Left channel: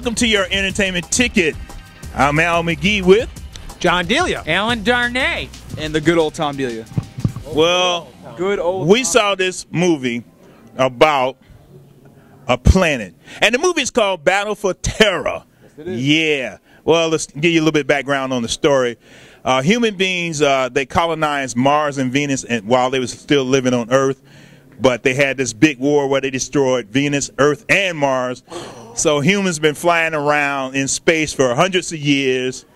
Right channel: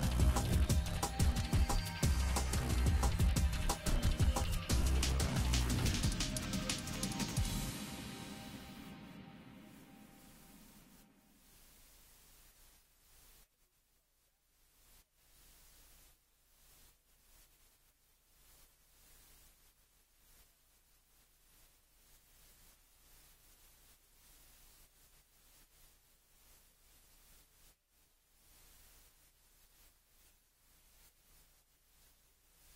Welcome to your entertainment ticket. I'm Al McGee with John Delia, Alan Darnay, and the good old Tom Delia. Well, Good old. we saw this movie about a planet, and the movie is called Battle for Terra. Yes, it is. Yeah. Well, let's give you a little bit of background on the story. Human beings, they colonized Mars and Venus and while they were still living on Earth, but they had this big war where they destroyed Venus, Earth, and Mars. So humans been flying around in space for hundreds of years,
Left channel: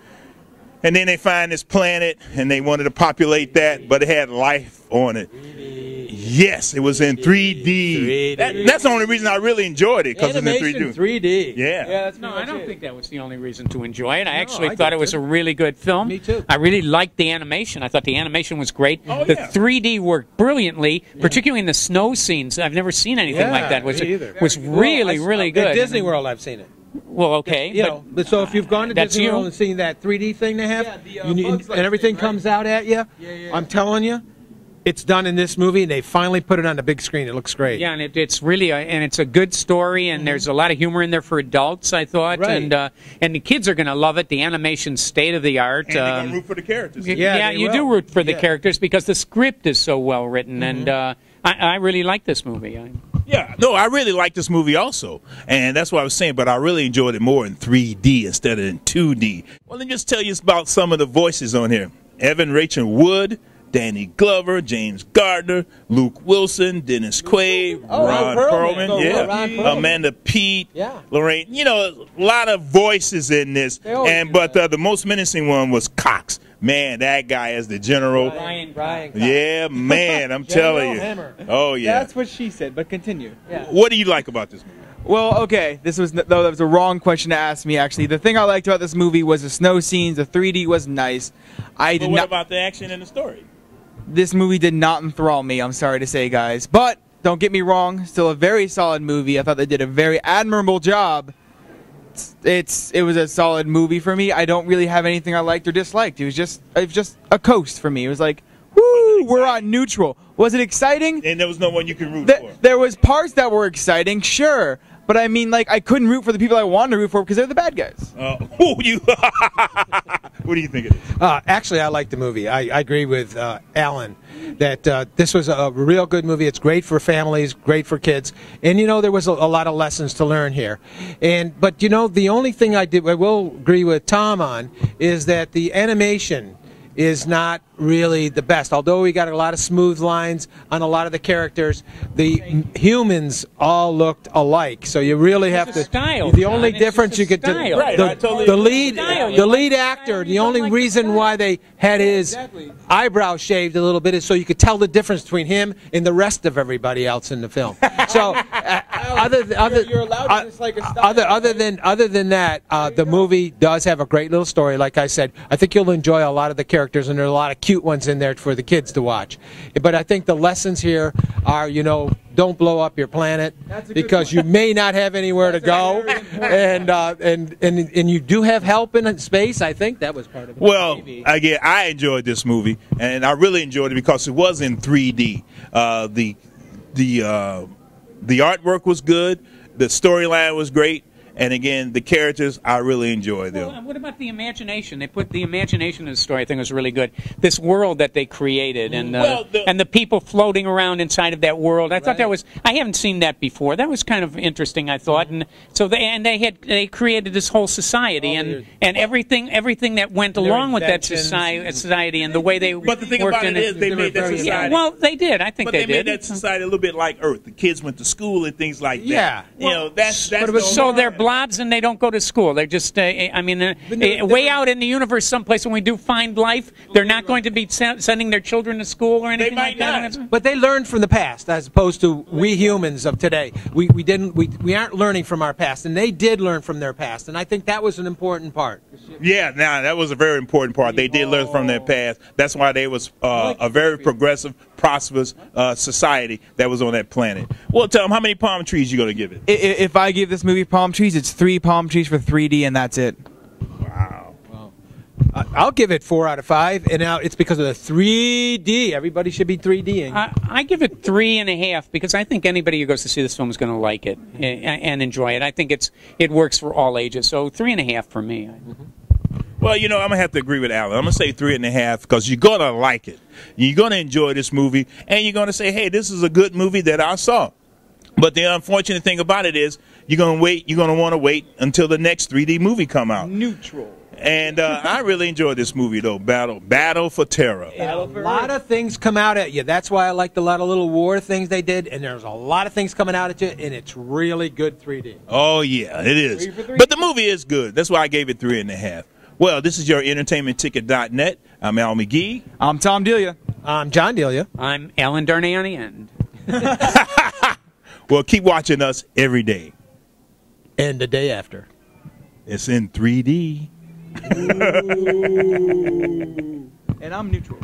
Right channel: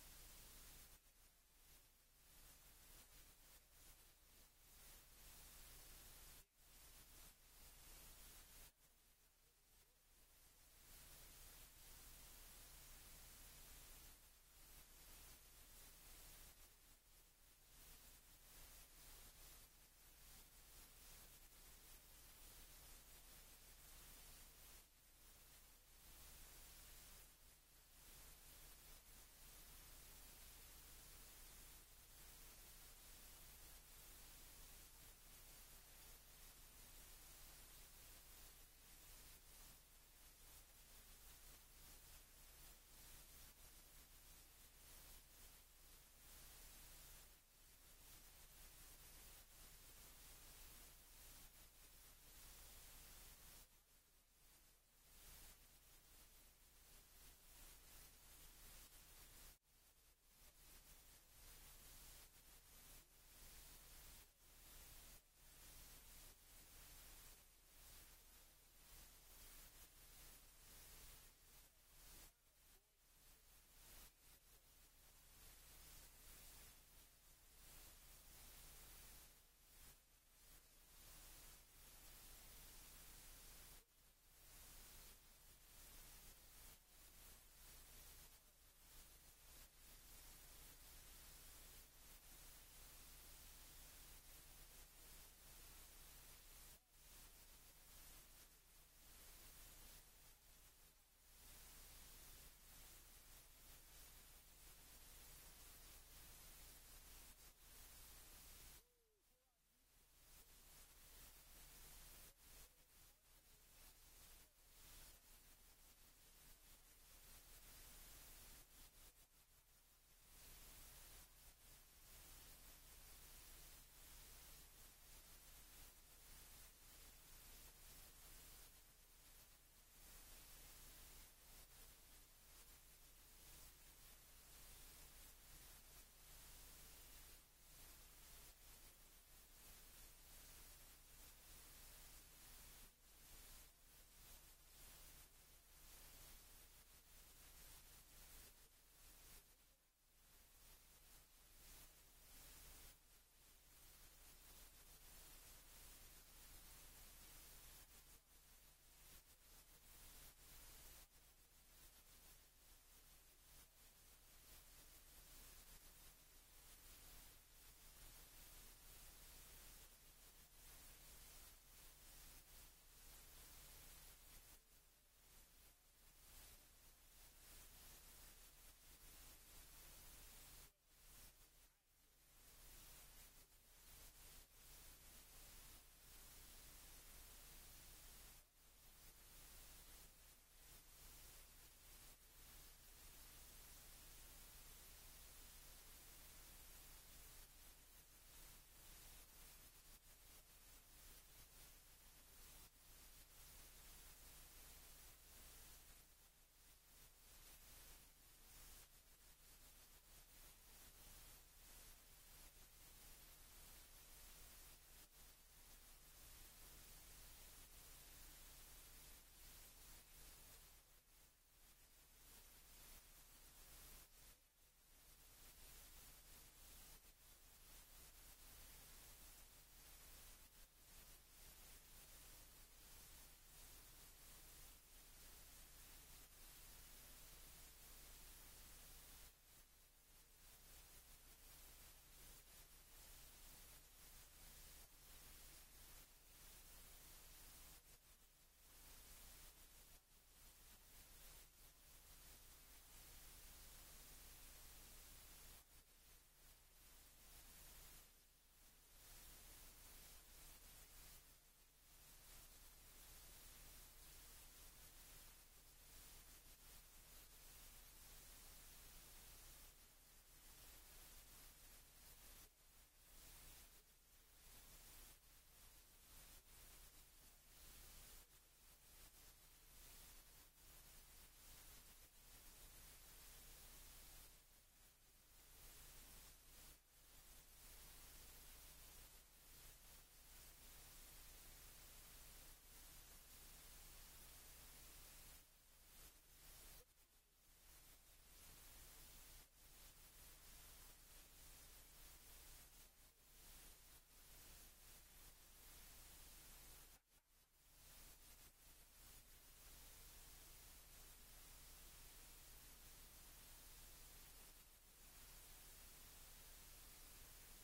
and then they find this planet, and they wanted to populate that, but it had life on it. Yes, it was in 3D. That's the only reason I really enjoyed it, because it's in 3D. 3D. Yeah. That's No, I don't think that was the only reason to enjoy it. I actually I thought did it was too. a really good film. Me too. I really liked the animation. I thought the animation was great. Oh, the yeah. 3D worked brilliantly, particularly in the snow scenes. I've never seen anything like that. Me either. Was really, really good. At Disney World, I've seen it. Well, okay. You but know, but so if you've gone to That's Disney you. World and seen that 3D thing they have, Yeah, you Bugs Life and everything thing, right? comes out at you, I'm telling you, it's done in this movie, and they finally put it on the big screen. It looks great. Yeah, and it's really and it's a good story, and there's a lot of humor in there for adults, I thought, Right. and the kids are going to love it. The animation's state of the art. And they're going to root for the characters. Yeah, they you will. do root for the Yeah. characters because the script is so well written, and I really like this movie. Yeah, no, I really like this movie also, and that's what I was saying, but I really enjoyed it more in 3D instead of in 2D. Well, let me just tell you about some of the voices on here. Evan Rachel Wood, Danny Glover, James Gardner, Luke Wilson, Dennis Quaid, Ron Perlman, Ron Perlman. Amanda Peet, Yeah. Lorraine. You know, a lot of voices in this, but the most menacing one was Cox. Man, that guy is the general. Brian. Yeah, man, I'm telling you. Hammer. Oh, yeah. That's what she said, but continue. What do you like about this movie? Well, okay, that was a wrong question to ask me, actually. The thing I liked about this movie was the snow scenes. The 3D was nice. But what about the action and the story? This movie did not enthrall me, I'm sorry to say, guys. But, don't get me wrong, still a very solid movie. I thought they did a very admirable job. It was a solid movie for me. I don't really have anything I liked or disliked. It was just a coast for me. It was like, woo, we're on neutral. Was it exciting? And there was no one you could root for. There was parts that were exciting, sure. But I mean, like, I couldn't root for the people I wanted to root for because they're the bad guys. What do you think it is? Actually, I like the movie. I agree with Alan that this was a real good movie. It's great for families, great for kids, and you know there was a lot of lessons to learn here. But you know the only thing I will agree with Tom on is that the animation is not really the best. Although we got a lot of smooth lines on a lot of the characters, the humans all looked alike. So you really have to. Style, the only John. It's difference just a you could do. style. Right, I totally The agree. lead, Style. You the like lead the actor. style, The you don't only like the reason style. why they had his eyebrows shaved a little bit is so you could tell the difference between him and the rest of everybody else in the film. So, You're allowed to dislike a style. other than that, the movie does have a great little story. Like I said, I think you'll enjoy a lot of the characters, and there are a lot of cute ones in there for the kids to watch. But I think the lessons here are, you know, don't blow up your planet because you may not have anywhere to go, and you do have help in space. I think that was part of it. Well, again, I enjoyed this movie, and I really enjoyed it because it was in 3D. The artwork was good, the storyline was great, and again, the characters, I really enjoyed them. Well, what about the imagination? They put the imagination in the story. I think it was really good. This world that they created, and and the people floating around inside of that world. I thought that was. I haven't seen that before. That was kind of interesting. I thought, and so they created this whole society, and everything that went along with that society and the way they. But the thing worked about in it is, they made that society. Yeah, well, they did. I think But they they made did. that society a little bit like Earth. The kids went to school and things like that. Yeah. You know, that's but it was So they're blobs and they don't go to school. They're just, way out in the universe someplace when we do find life, they're not going to be sending their children to school or anything like that. But they learned from the past, as opposed to we humans of today. We aren't learning from our past, and they did learn from their past, and I think that was an important part. Yeah, now that was a very important part. They did learn from their past. That's why they was a very progressive, prosperous society that was on that planet. Well, tell them how many palm trees you gonna give it? If I give this movie palm trees, it's 3 palm trees for 3D, and that's it. Wow. I'll give it 4 out of 5, and now it's because of the 3D. Everybody should be 3Ding. I give it 3.5 because I think anybody who goes to see this film is going to like it and enjoy it. I think it works for all ages. So 3.5 for me. Well, you know, I'm going to have to agree with Alan. I'm going to say 3.5 because you're going to like it. You're going to enjoy this movie, and you're going to say, hey, this is a good movie that I saw. But the unfortunate thing about it is you're going to want to wait until the next 3D movie come out. Neutral. And I really enjoyed this movie, though, Battle for Terra. A lot of things come out at you. That's why I liked a lot of little war things they did, and there's a lot of things coming out at you, and it's really good 3D. Oh, yeah, it is. But the movie is good. That's why I gave it 3.5. Well, this is your entertainmentticket.net. I'm Al McGee. I'm Tom Delia. I'm John Delia. I'm Alan Darnay on the end. Well, keep watching us every day. And the day after. It's in 3D. And I'm neutral.